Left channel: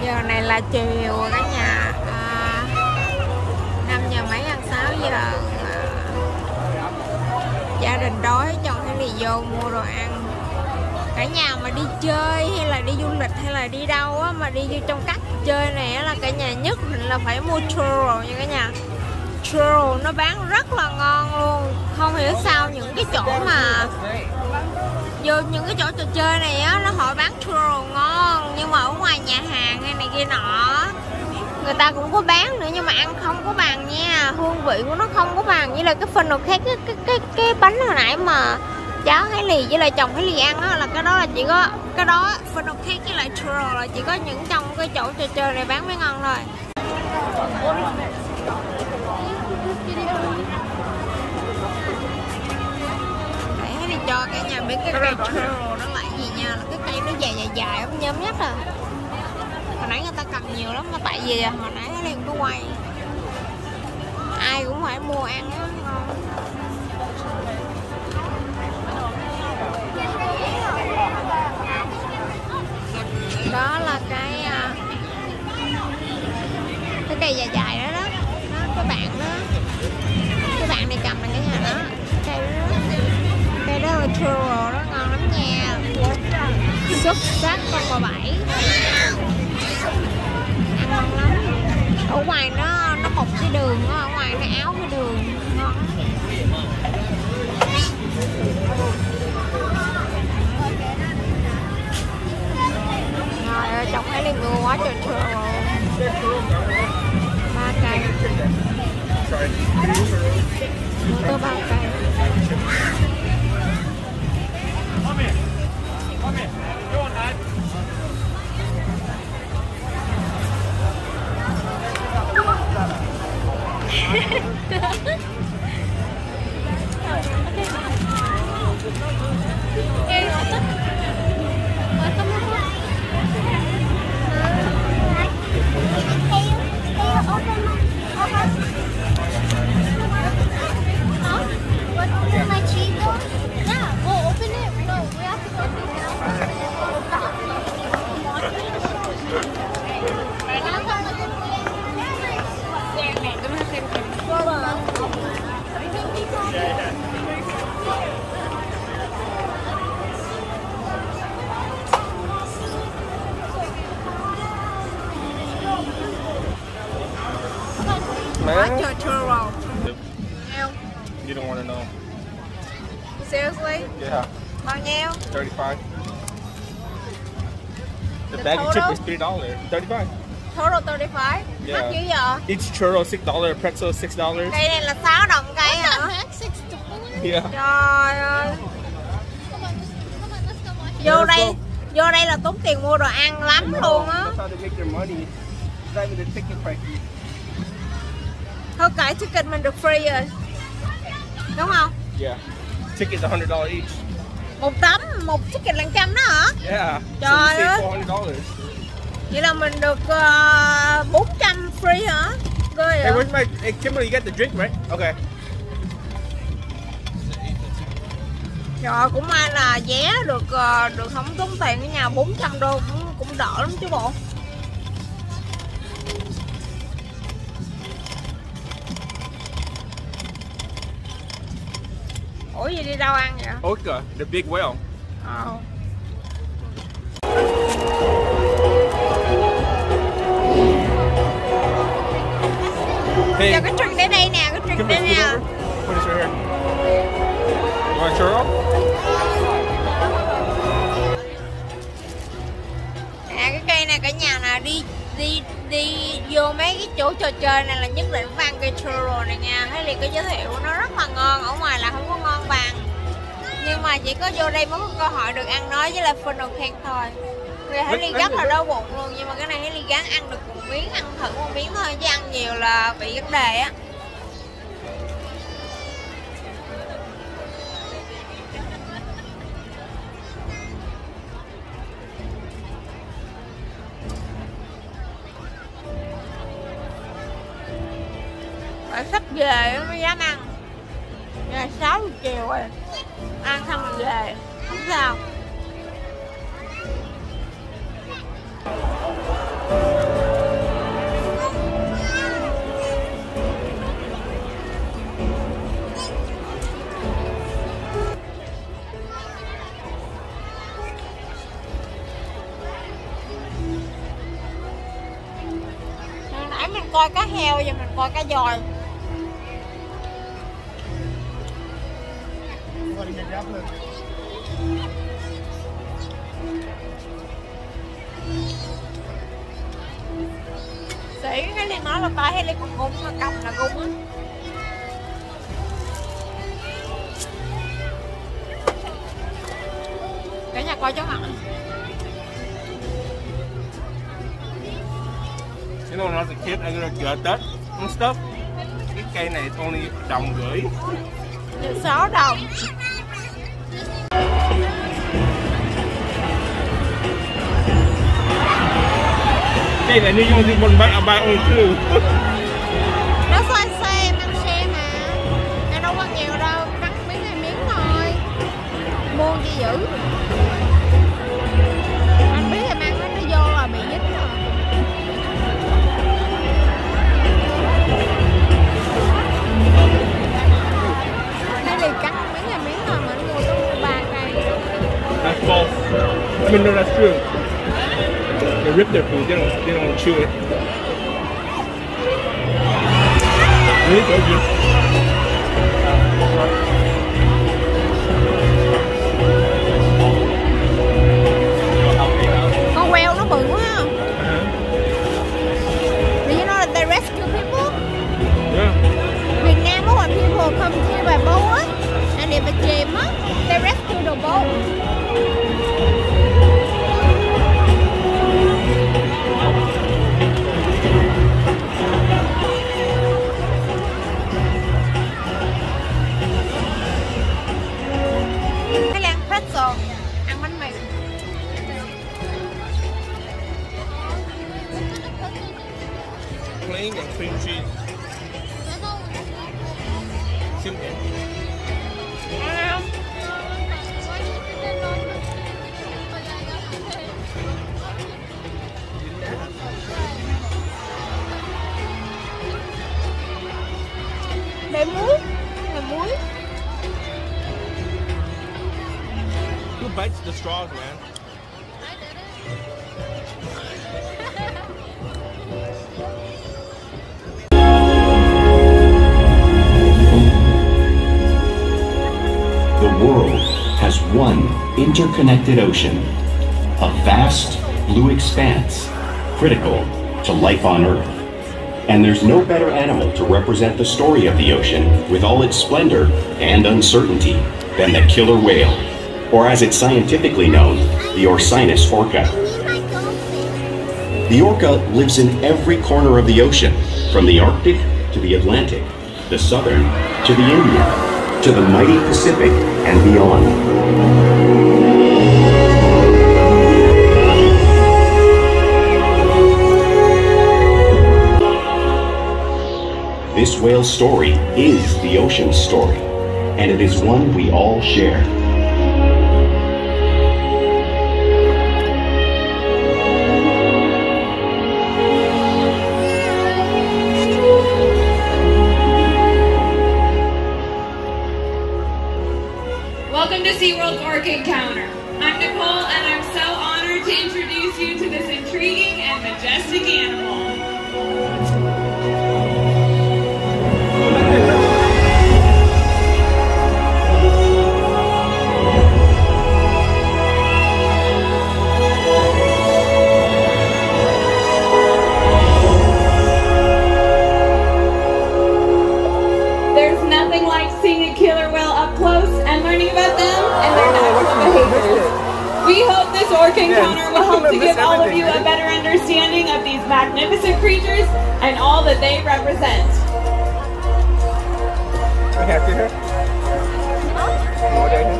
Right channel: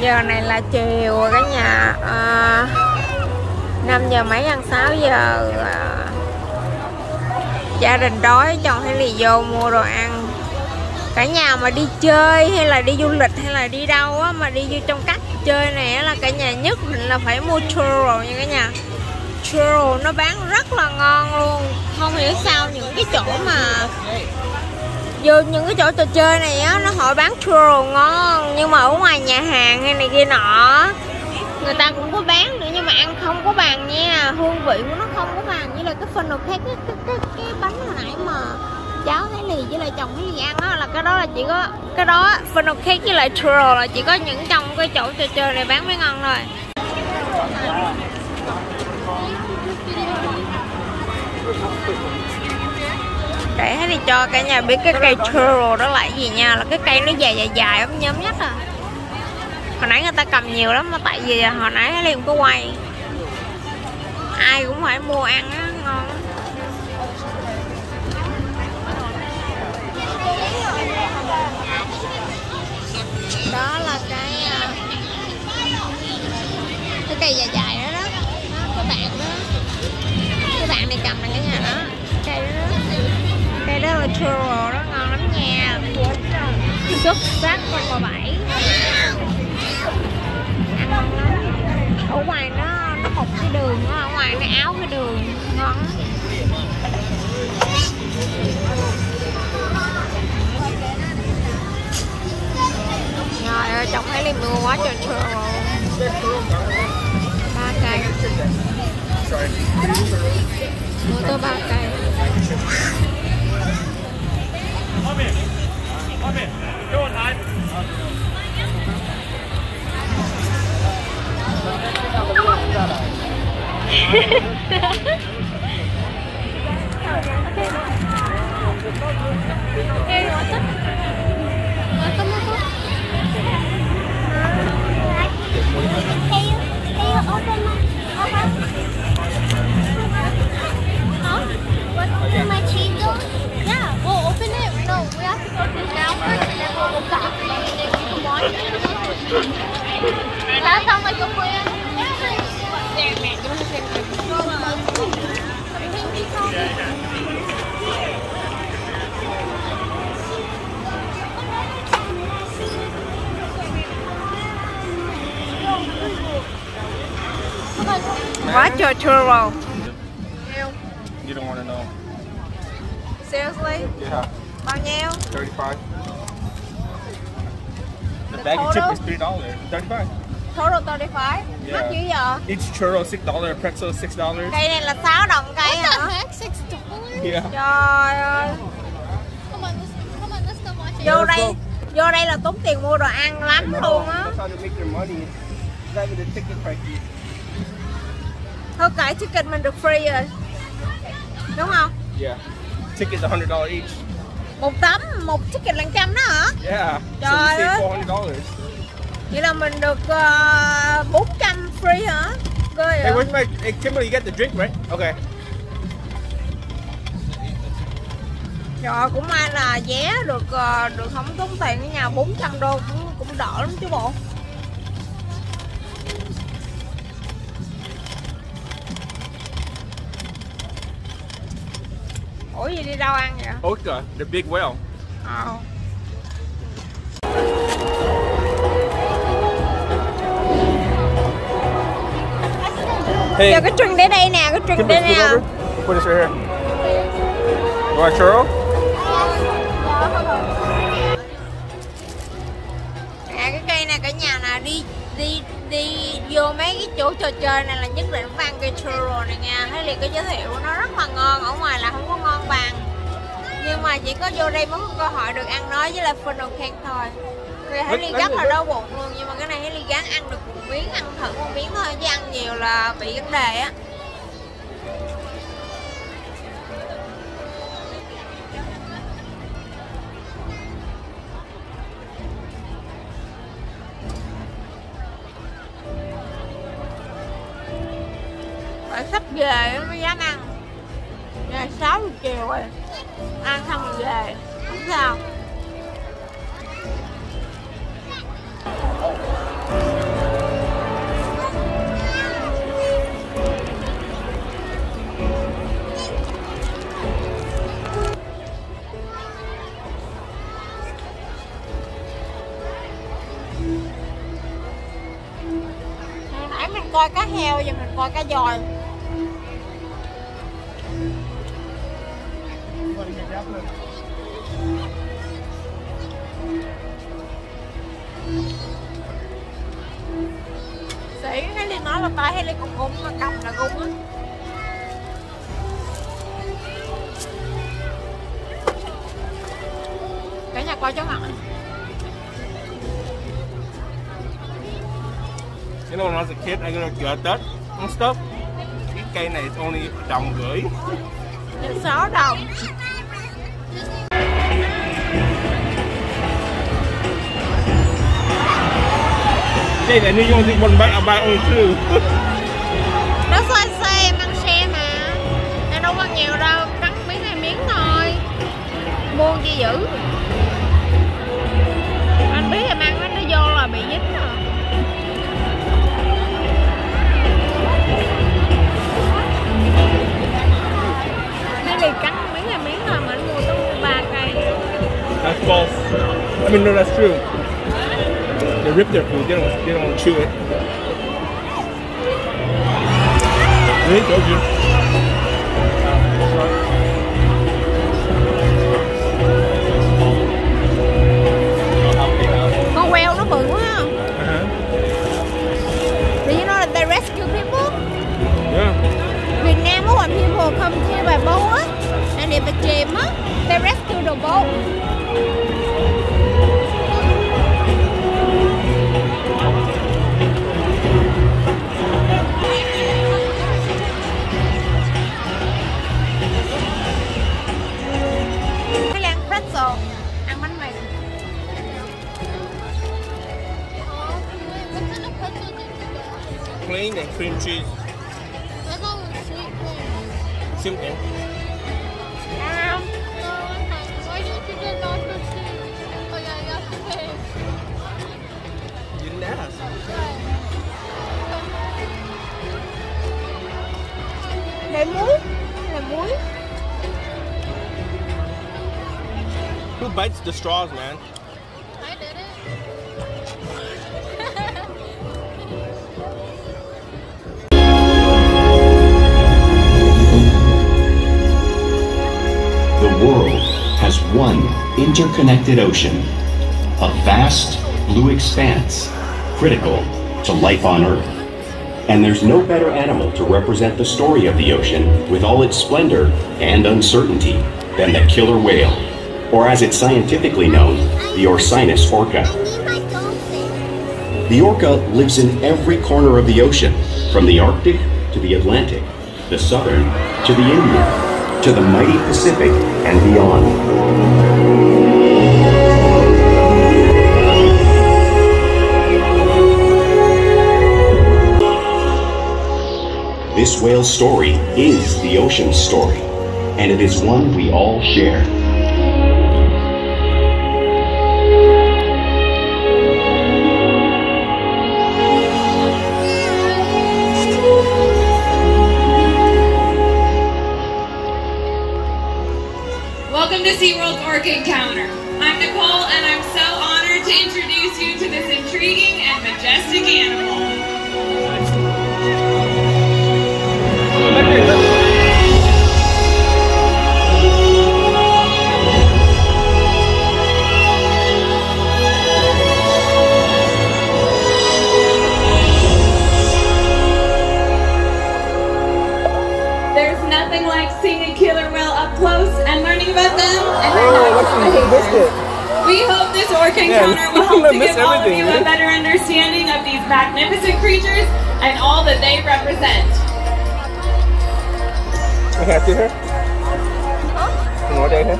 Giờ này là chiều rồi cả nhà, 5 giờ mấy ăn 6 giờ. Gia đình đói, chồng hay lì vô mua đồ ăn. Cả nhà mà đi chơi hay là đi du lịch hay là đi đâu á, mà đi vô trong cách chơi này á, là cả nhà nhất định là phải mua churro nha cả nhà. Churro nó bán rất là ngon luôn. Không hiểu sao những cái chỗ mà vô những cái chỗ trò chơi này á, nó họ bán churro ngon, nhưng mà ở ngoài nhà hàng hay này kia nọ người ta cũng có bán nữa, nhưng mà ăn không có bằng nha. Hương vị của nó không có bằng với là cái phần nào khác. Cái bánh hồi nãy mà cháu Hải Lì với lại chồng Hải Lì ăn á, là cái đó là chỉ có cái đó phần nào khác với lại churro là chỉ có những trong cái chỗ trò chơi này bán mới ngon thôi. Để Hải Lì cho cả nhà biết cái cây churro đó là gì nha, là cái cây nó dài dài ấm nhấm nhất à. Hồi nãy người ta cầm nhiều lắm, mà tại vì hồi nãy Hải Lì không có quay. Ai cũng phải mua ăn á, ngon lắm. Đó là cái cây dài dài đó đó. Đó, cái bạn đó. Cái bạn này cầm này cả nhà đó. Cây đó đó. Cây đó là churro đó, ngon lắm nha. Xuất sắc con bà Bảy. Ăn ngon lắm. Ở ngoài nó một cái đường đó, ở ngoài nó áo cái đường ngon lắm. Trời ơi, chồng Hải Lì mua quá trời churro. 3 cây. Mua tới 3 cây. Quá trời churro. You don't want to know. Seriously? Yeah. Bao nhiêu? 35. The bag of chip is $3. 35. Total 35? Yeah. Mắc dữ vậy? Each churro $6, pretzel $6. Cây này là 6 đồng cây hả? Yeah. Trời ơi. Vô đây là tốn tiền mua đồ ăn lắm luôn á. Thôi cải ticket mình được free rồi. Đúng không? Yeah. Tickets $100 each. Một tấm, một ticket là 100 đó hả? Yeah. Trời So you save ơi. $400. Vậy là mình được 400 free hả? Hey, where's my... Hey, Kimberly, you got the drink, right? Okay. Trời, cũng may là vé được không tốn tiền ở nhà, 400 đô cũng đỡ lắm chứ bộ. Ủa gì đi đâu ăn vậy? Oka, the big whale. Hey. Giờ cái trứng để đây nè, cái trứng để nè. Put this right here. You want a churro? Cái cây này cả nhà nè, đi vô mấy cái chỗ trò chơi này là nhất định phải ăn cây churro này nha. Thấy liền cái giới thiệu nó rất là ngon, ở ngoài là không có ngon bằng, nhưng mà chỉ có vô đây mới có cơ hội được ăn nó với lại funnel cake thôi. Vì thấy Ly rất là đau bụng luôn, nhưng mà cái này thấy Ly gắng ăn được một miếng, ăn thử một miếng thôi, chứ ăn nhiều là bị vấn đề á. Phải sắp về mới dám ăn. Giờ 6 giờ chiều rồi, ăn xong rồi về, không sao. nãy mình coi cá heo, giờ mình coi cá dòi. Sĩ cái Ly nói là tay hay Ly còn gung mà cầm là gung á. Cả nhà coi chó mặt. You know, when I was a kid, I was gonna gut and stuff. Cái cây này is only đồng rưỡi. 6 đồng. Cây này như only one bite, I buy only two. Nó xoay xe, mang xe mà. Nó đâu có nhiều đâu, cắn miếng 2 miếng thôi. Mua chi dữ. Anh biết em ăn nó vô là bị dính rồi. Hay là cắn miếng 2 miếng thôi mà nó mua tới 3 cây. That's false. I mean, no, that's true. They rip their food, they don't chew it. Really? Go good. Con quail nó bự quá không? Do you know that they rescue people? Yeah. Việt Nam á, when people come here by boat á, and if it chìm á, they rescue the boat. Hay là ăn pretzel, ăn bánh mì. Plain and cream cheese. Simple. Ăn không? Để muối, là muối. Who bites the straws, man? The world has one interconnected ocean, a vast blue expanse critical to life on Earth. And there's no better animal to represent the story of the ocean with all its splendor and uncertainty than the killer whale, or as it's scientifically known, the Orcinus orca. The orca lives in every corner of the ocean, from the Arctic to the Atlantic, the Southern to the Indian, to the mighty Pacific and beyond. This whale's story is the ocean's story, and it is one we all share. Welcome to SeaWorld's Orca Encounter. I'm Nicole, and I'm so honored to introduce you to this intriguing and majestic animal. There's nothing like seeing a killer whale up close and learning about them and their natural behaviors. We hope this orca encounter will help to give all of you a better understanding of these magnificent creatures and all that they represent. I have to hear. More than that.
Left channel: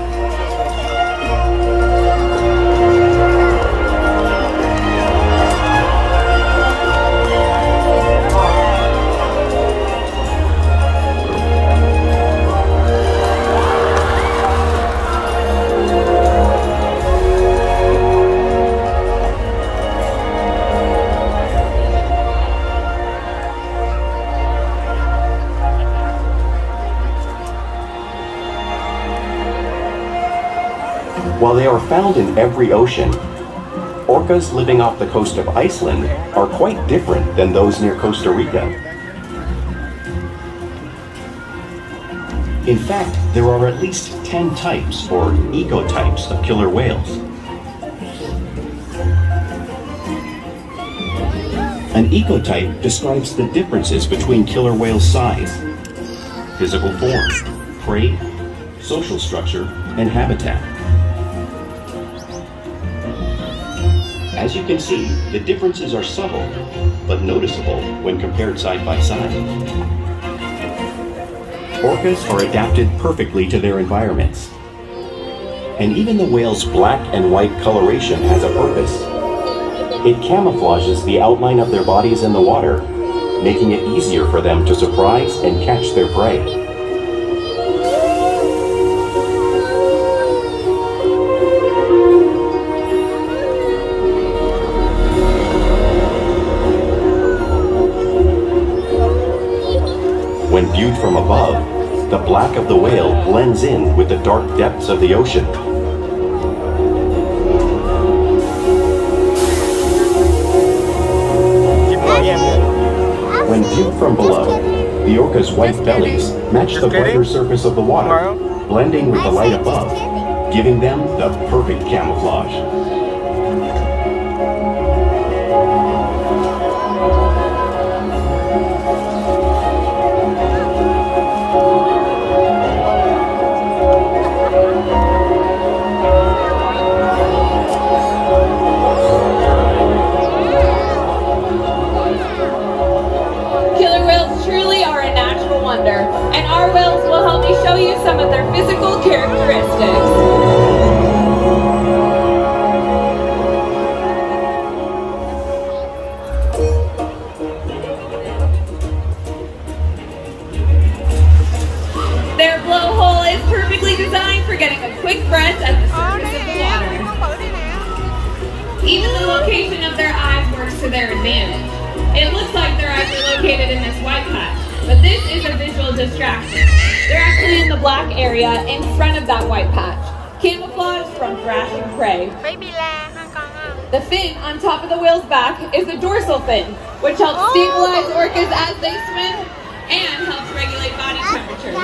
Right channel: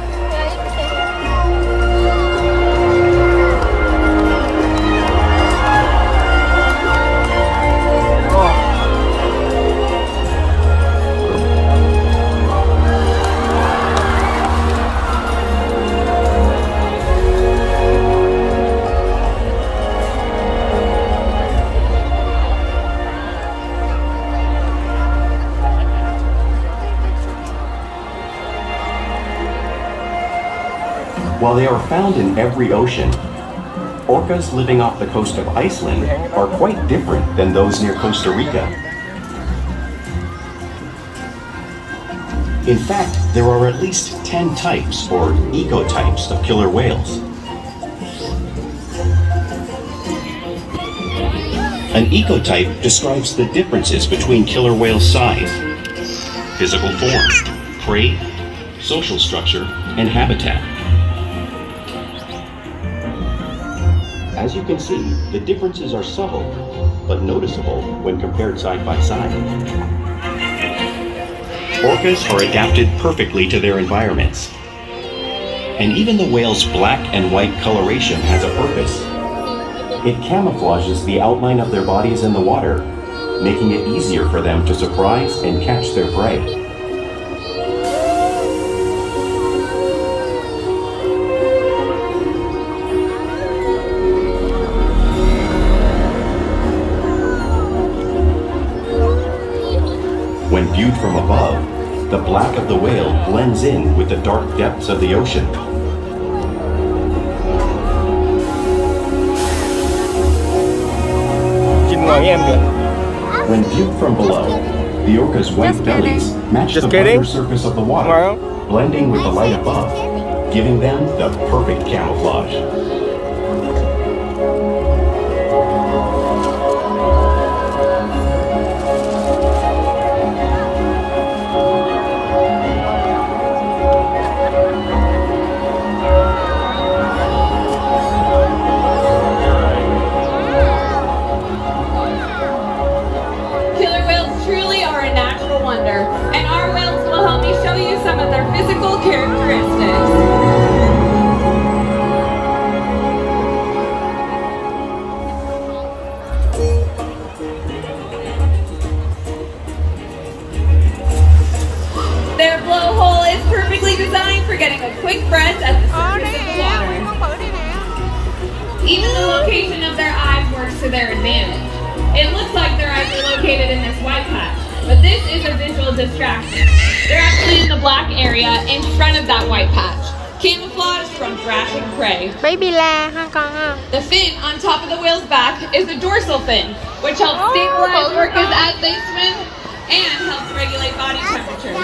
While they are found in every ocean, Orcas living off the coast of Iceland are quite different than those near Costa Rica. In fact, there are at least 10 types or ecotypes of killer whales. An ecotype describes the differences between killer whale size, physical form, prey, social structure, and habitat. As you can see, the differences are subtle, but noticeable when compared side by side. Orcas are adapted perfectly to their environments. And even the whale's black and white coloration has a purpose. It camouflages the outline of their bodies in the water, making it easier for them to surprise and catch their prey. When viewed from above, the black of the whale blends in with the dark depths of the ocean. When viewed from below, the orca's white bellies match the brighter surface of the water, blending with the light above, giving them the perfect camouflage. Their blowhole is perfectly designed for getting a quick breath at the surface of the water. Even the location of their eyes works to their advantage. It looks like their eyes are located in this white patch, but this is a visual distraction. They're actually in the black area in front of that white patch, camouflaged from thrashing prey. The fin on top of the whale's back is the dorsal fin, which helps stabilize orcas as they swim and helps regulate body temperature.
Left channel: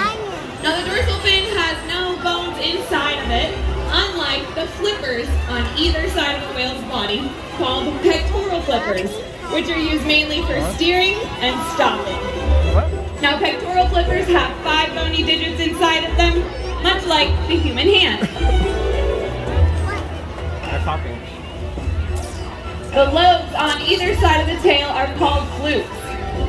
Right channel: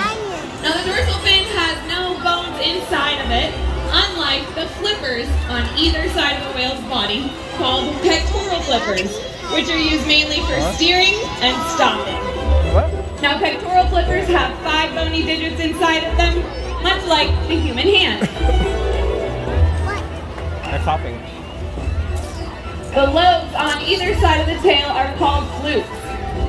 Now the dorsal fin has no bones inside of it, unlike the flippers on either side of the whale's body, called pectoral flippers, which are used mainly for steering and stopping. Now pectoral flippers have 5 bony digits inside of them, much like the human hand. They're clapping. The lobes on either side of the tail are called flukes.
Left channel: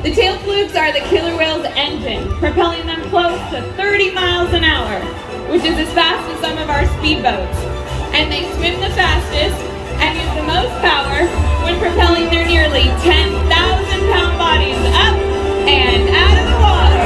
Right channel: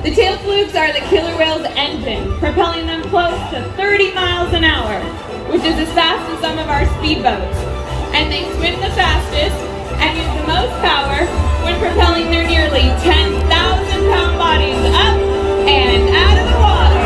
The tail flukes are the killer whale's engine, propelling them close to 30 miles an hour, which is as fast as some of our speedboats. And they swim the fastest and use the most power when propelling their nearly 10,000-pound bodies up and out of the water.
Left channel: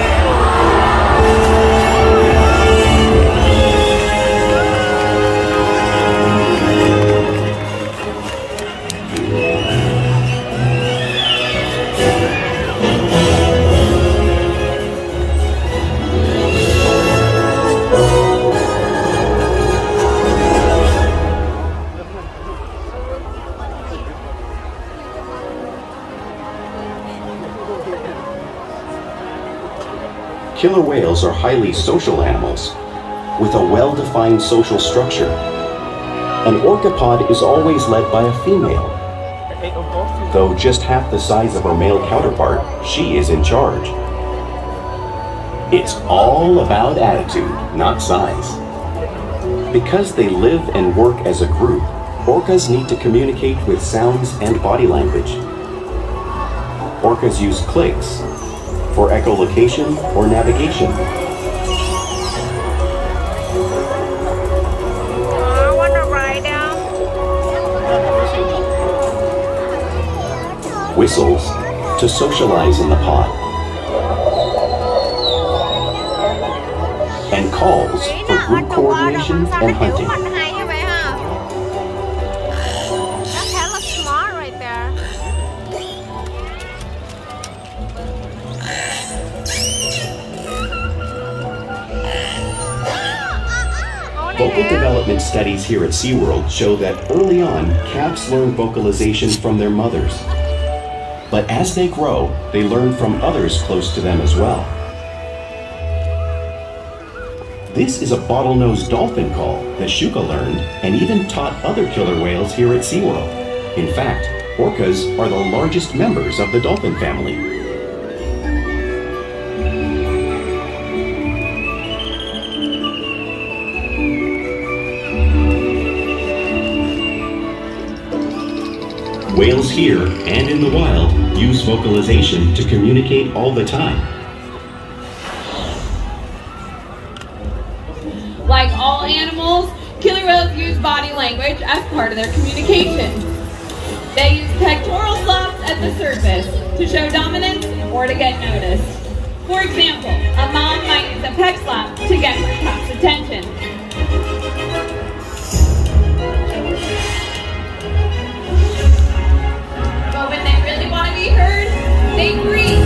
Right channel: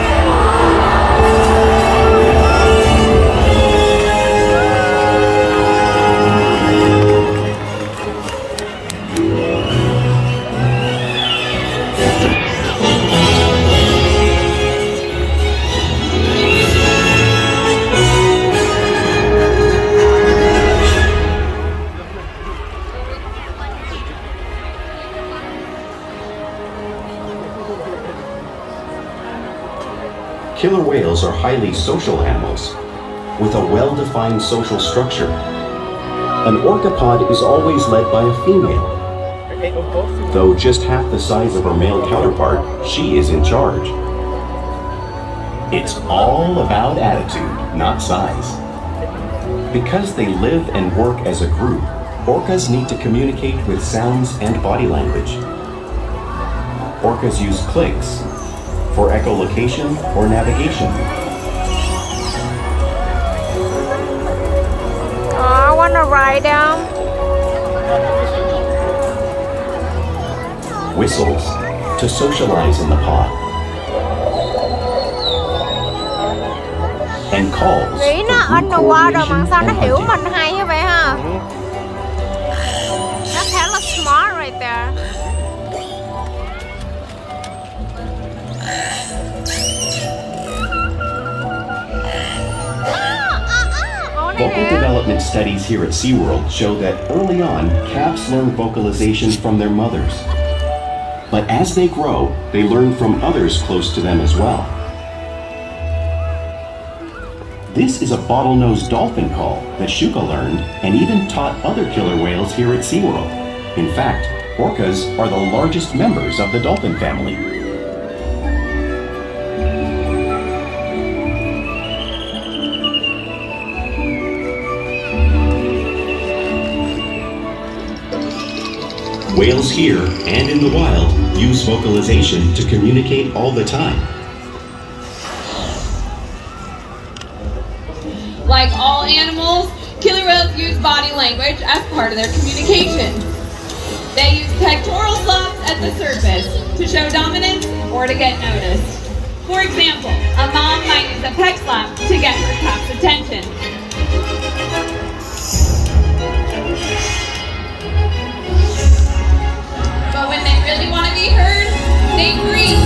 Killer whales are highly social animals with a well-defined social structure. An orcapod is always led by a female. Though just half the size of her male counterpart, she is in charge. It's all about attitude, not size. Because they live and work as a group, orcas need to communicate with sounds and body language. Orcas use clicks for echolocation or navigation. I want to ride them. Whistles to socialize in the pod. And calls Nghĩ for nó group underwater mà coordination sao nó and hiểu hunting. mình hay như vậy ha? That's hella smart right there. Vocal development studies here at SeaWorld show that early on, calves learn vocalization from their mothers. But as they grow, they learn from others close to them as well. This is a bottlenose dolphin call that Shuka learned and even taught other killer whales here at SeaWorld. In fact, orcas are the largest members of the dolphin family. Whales here and in the wild use vocalization to communicate all the time. Like all animals, killer whales use body language as part of their communication. They use pectoral flaps at the surface to show dominance or to get noticed. For example, a mom might use a pec flap to get her calf's attention. But when they really want to be heard, they breathe.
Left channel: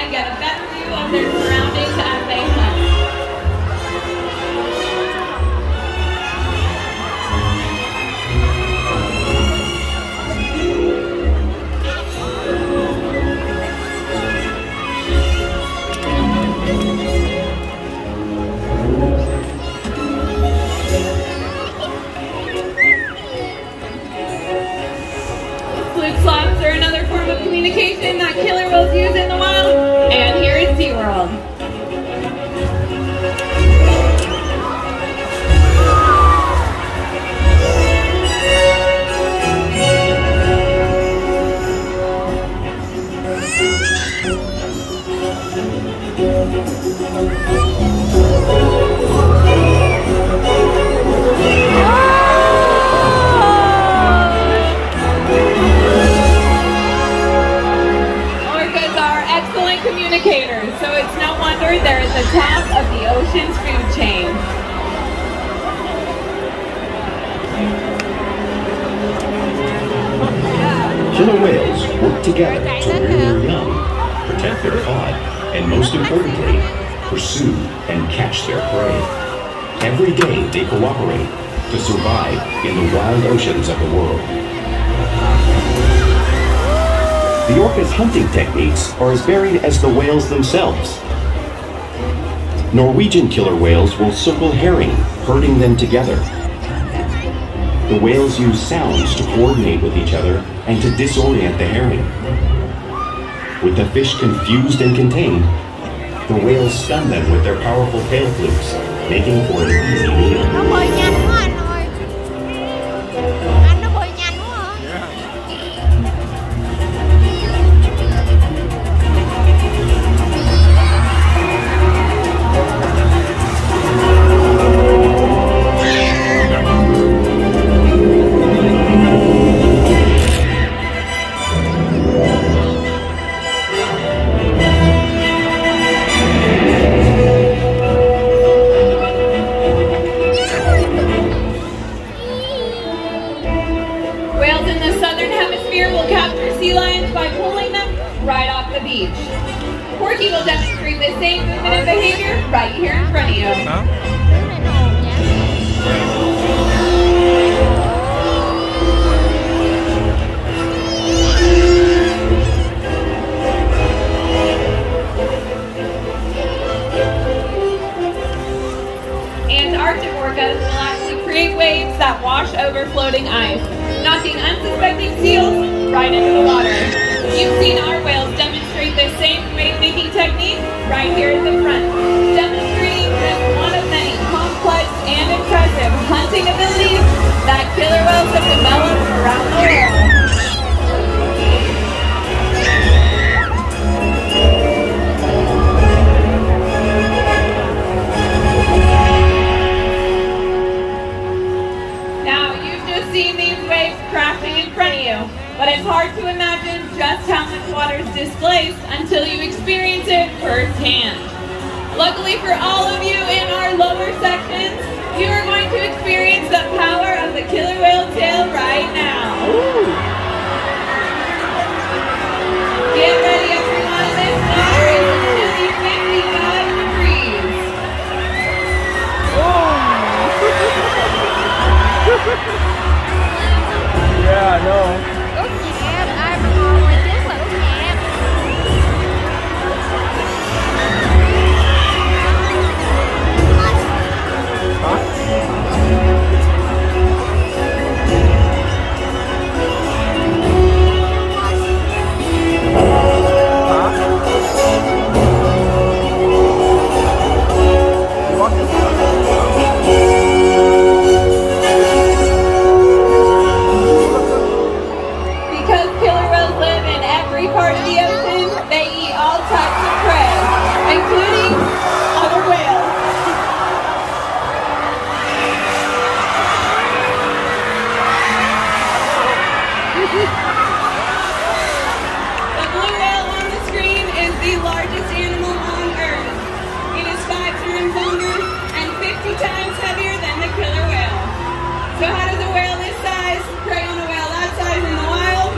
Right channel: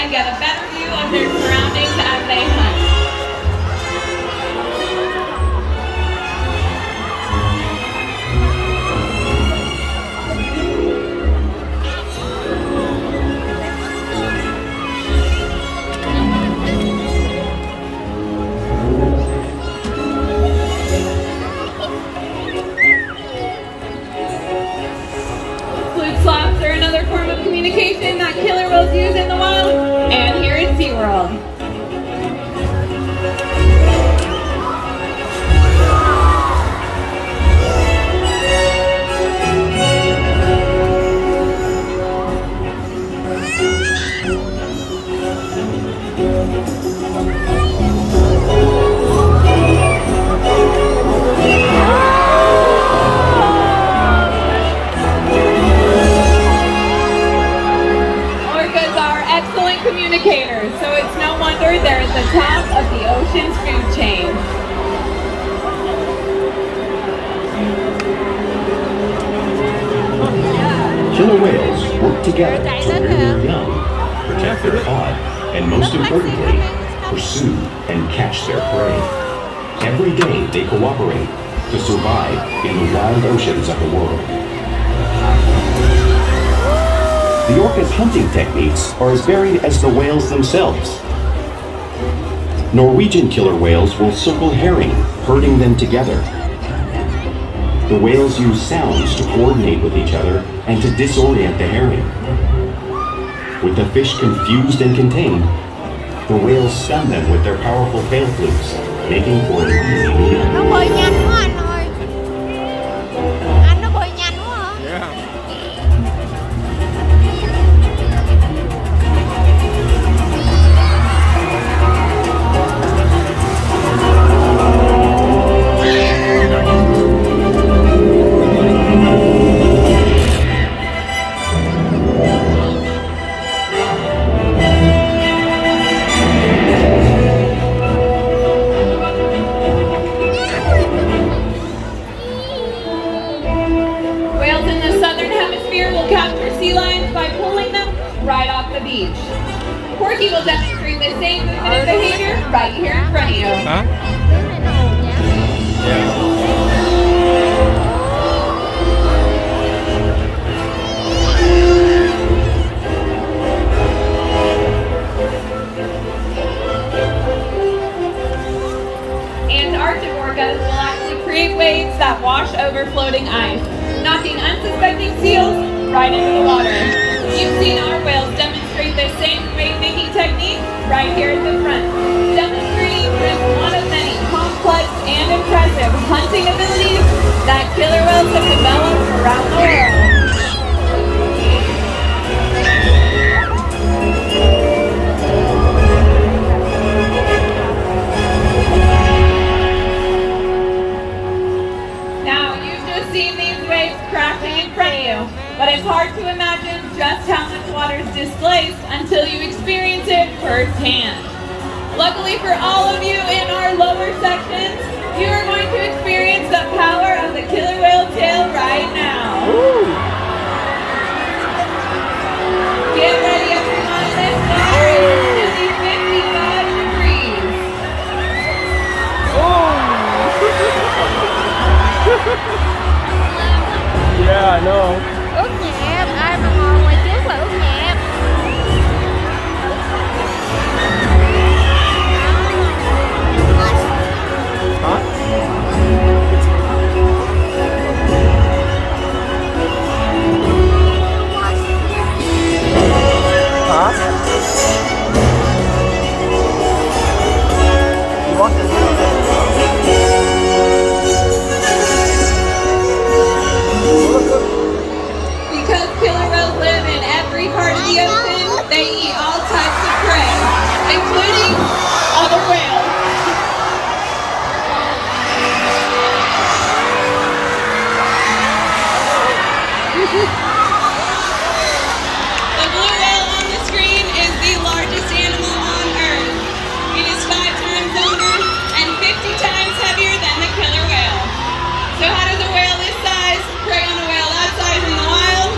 And get a better view of their surroundings as they hunt. Flute slaps are another form of communication that killer whales use in the wild. And here is SeaWorld. Communicators, so it's no wonder they're at the top of the ocean's food chain. Killer whales work together to rear their young, protect their cod, and most importantly, pursue and catch their prey. Every day they cooperate to survive in the wild oceans of the world. The orca's hunting techniques are as varied as the whales themselves. Norwegian killer whales will circle herring, herding them together. The whales use sounds to coordinate with each other and to disorient the herring. With the fish confused and contained, the whales stun them with their powerful tail flukes, making for an easy meal. Nó bơi nhanh quá anh ơi. Anh nó bơi nhanh quá hả? Porky will demonstrate the same movement and behavior right here in front of you. Antarctic orcas will actually create waves that wash over floating ice, knocking unsuspecting seals right into the water. You've seen our whales demonstrate the same wave-making technique right here at the front, demonstrating just one of many complex and impressive hunting abilities that killer whales have developed around the world. Now, you've just seen these waves crashing in front of you, but it's hard to imagine just how much water is displaced until you experience it firsthand. Luckily for all of you in our lower sections, you are going to experience the power of the killer whale tail right now. Get ready, everyone. This summer is chilly 55 degrees. Yeah, no. Ướt nhẹp, ai mà ngồi ngoài trước là ướt nhẹp. Including other whales. The blue whale on the screen is the largest animal on Earth. It is 5 times longer and 50 times heavier than the killer whale. So how does a whale this size prey on a whale that size in the wild?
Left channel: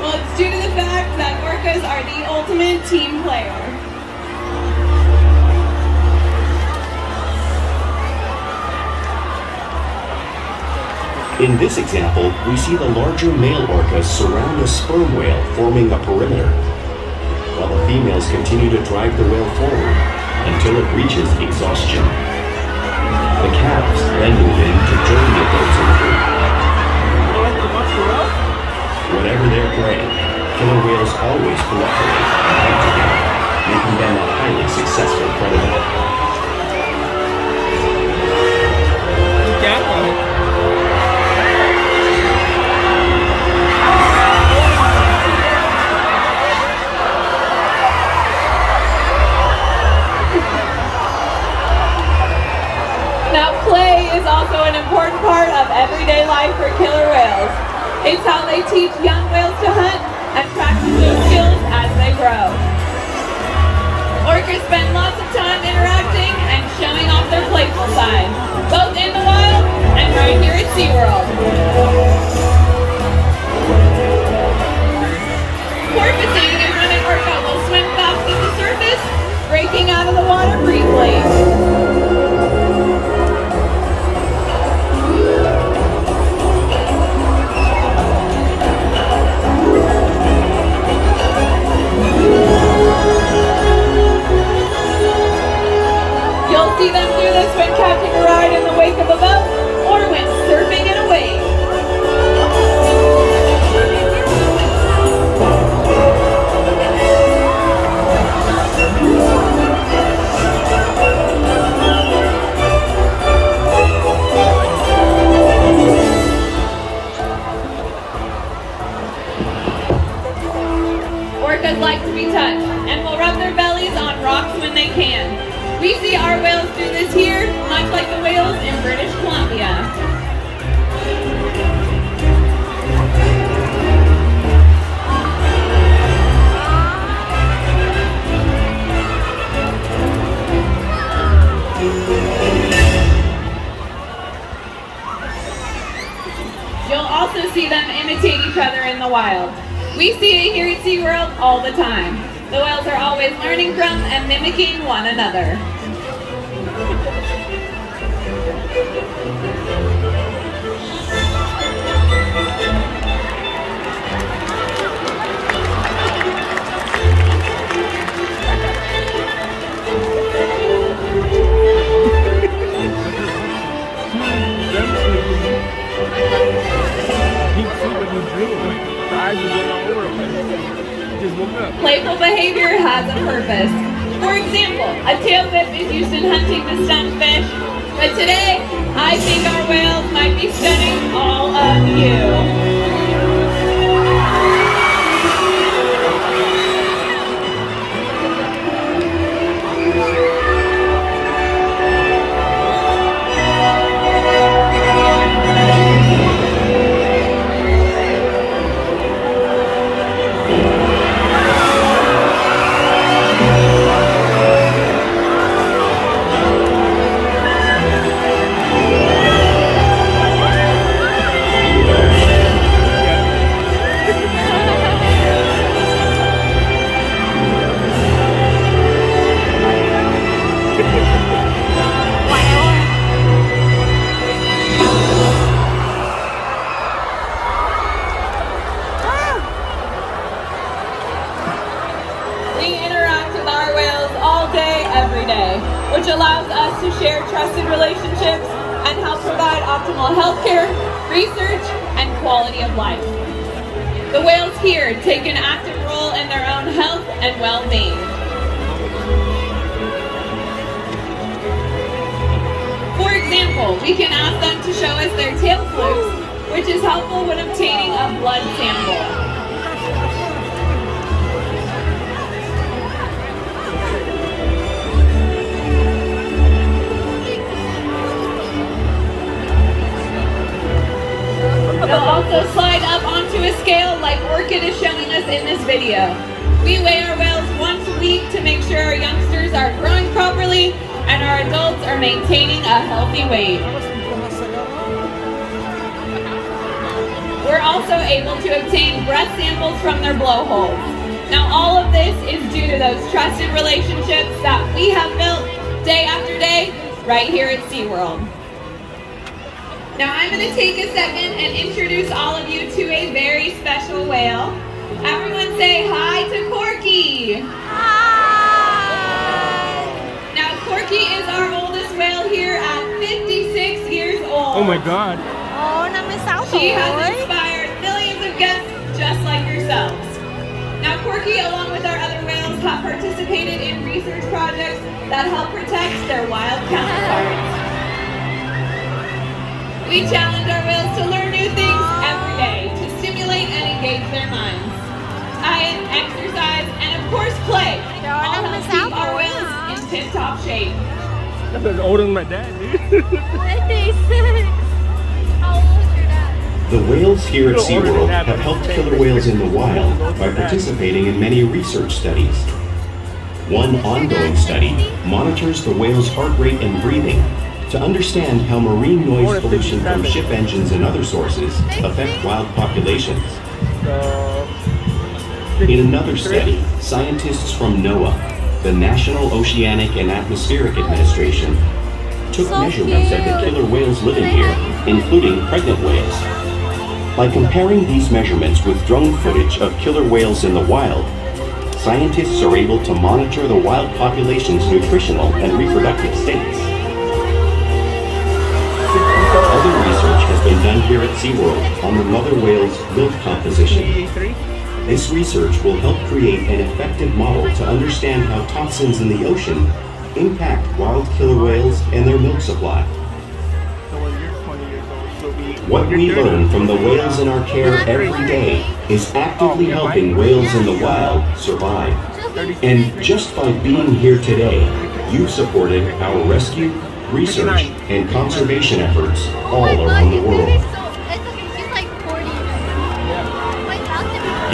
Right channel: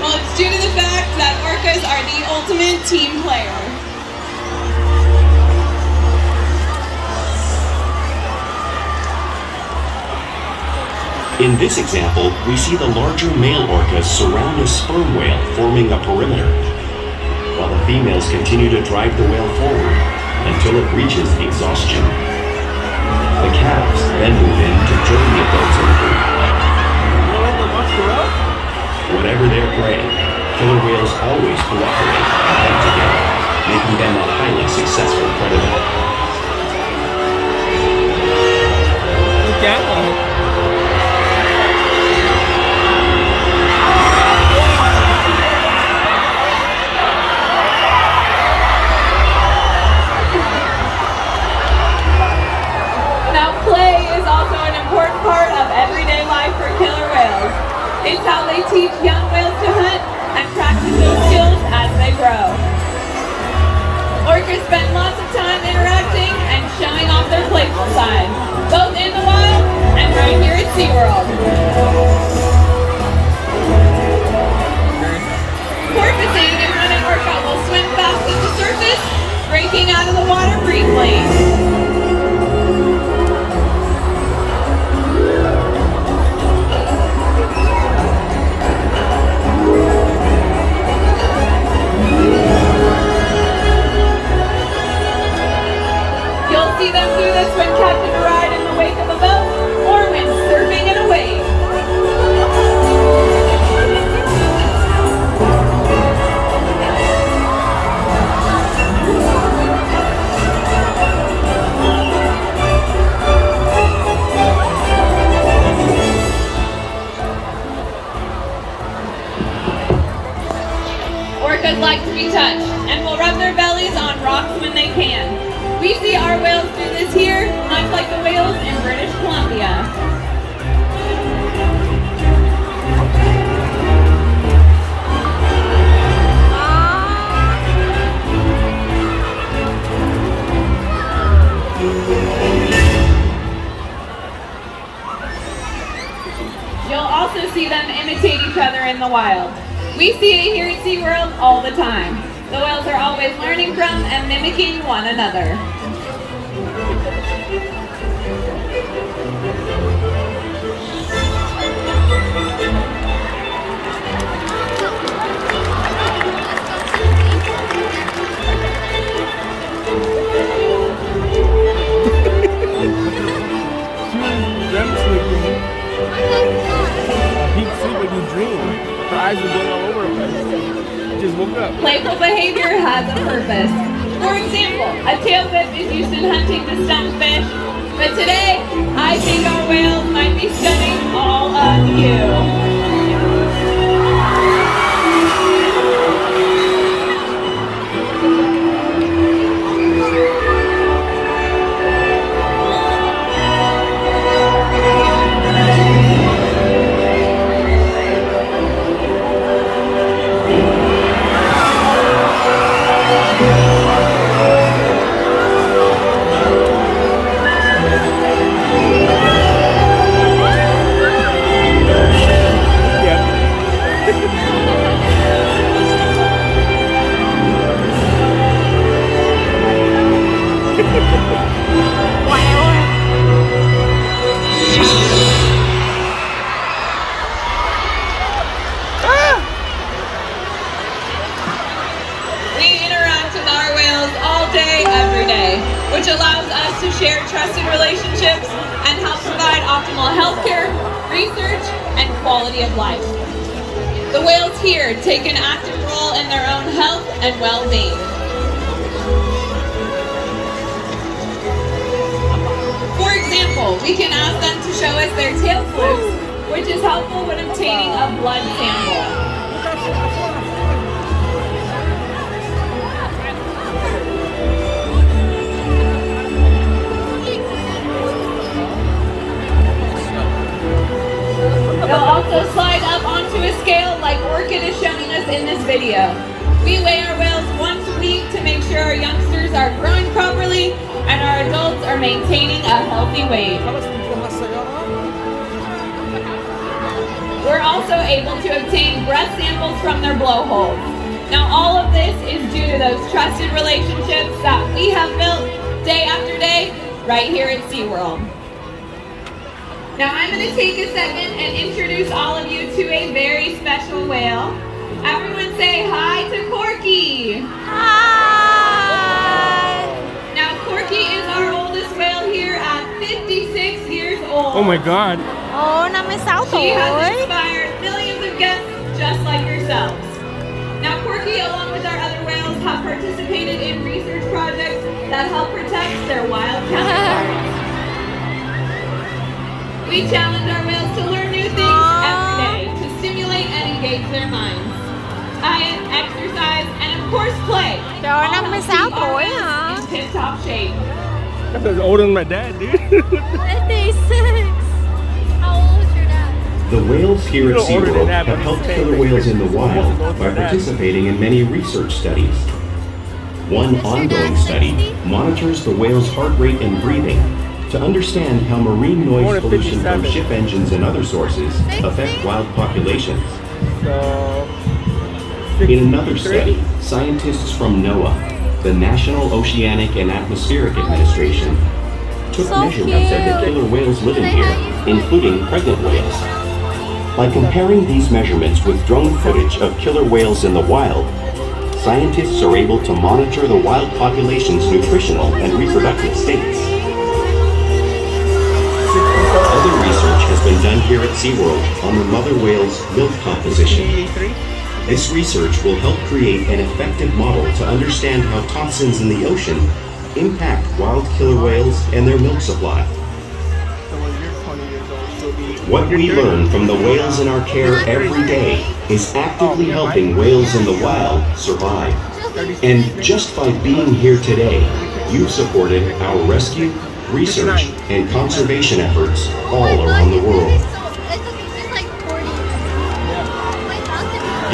Well, it's due to the fact that orcas are the ultimate team player. In this example, we see the larger male orcas surround the sperm whale, forming a perimeter, while the females continue to drive the whale forward until it reaches exhaustion. The calves then move in to join the adults in the group. Whatever their prey, killer whales always cooperate and hunt together, making them a highly successful predator. It's how they teach young whales to hunt and practice those skills as they grow. Orcas spend lots of time interacting and showing off their playful side, both in the wild and right here at SeaWorld. Porpoising is when an orca will swim fast to the surface, breaking out of the water briefly. See them do this when catching a ride in the wake of a boat or when surfing in a wave. Orcas like to be touched and will rub their bellies on rocks when they can. We see our whales do this here, much like the whales in British Columbia. You'll also see them imitate each other in the wild. We see it here at SeaWorld all the time. The whales are always learning from and mimicking one another. Playful behavior has a purpose. For example, a tail whip is used in hunting to stun fish, but today, I think our whales might be stunning all of you. share trusted relationships and help provide optimal healthcare, research, and quality of life. The whales here take an active role in their own health and well-being. For example, we can ask them to show us their tail flukes, which is helpful when obtaining a blood sample. They'll also slide up onto a scale like Orchid is showing us in this video. We weigh our whales once a week to make sure our youngsters are growing properly and our adults are maintaining a healthy weight. We're also able to obtain breath samples from their blowholes. Now all of this is due to those trusted relationships that we have built day after day right here at SeaWorld. Now I'm going to take a second and introduce all of you to a very special whale. Everyone say hi to Corky! Hi! Now Corky is our oldest whale here at 56 years old. Oh my God. Ồ, 56 She has tuổi. inspired millions of guests just like yourselves. Now Corky, along with our other whales, have participated in research projects that help protect their wild counterparts. We challenge our whales to learn new things every day to stimulate and engage their minds. Diet, exercise, and of course play. Trời, All help 56 keep our tuổi whales hả? in tip-top shape. That's older than my dad, dude. 56. The whales here at SeaWorld have helped killer whales in the wild by participating in many research studies. One ongoing study monitors the whale's heart rate and breathing to understand how marine noise pollution from ship engines and other sources affect wild populations. In another study, scientists from NOAA, the National Oceanic and Atmospheric Administration, took measurements of the killer whales living here, including pregnant whales. By comparing these measurements with drone footage of killer whales in the wild, scientists are able to monitor the wild population's nutritional and reproductive states. Other research has been done here at SeaWorld on the mother whale's milk composition. This research will help create an effective model to understand how toxins in the ocean impact wild killer whales and their milk supply. What we learn from the whales in our care every day is actively helping whales in the wild survive. And just by being here today, you've supported our rescue, research, and conservation efforts all around the world.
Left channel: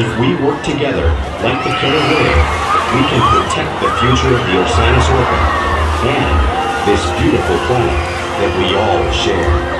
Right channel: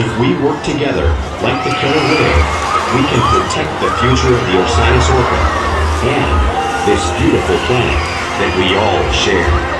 If we work together, like the killer whale, we can protect the future of the Osiris Orca and this beautiful planet that we all share.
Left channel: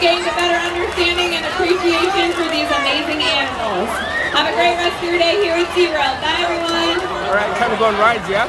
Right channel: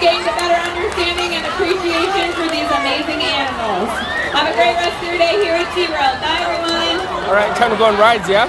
Gained a better understanding and appreciation for these amazing animals. Have a great rest of your day here at SeaWorld. Bye, everyone. All right, time to go on rides, yeah?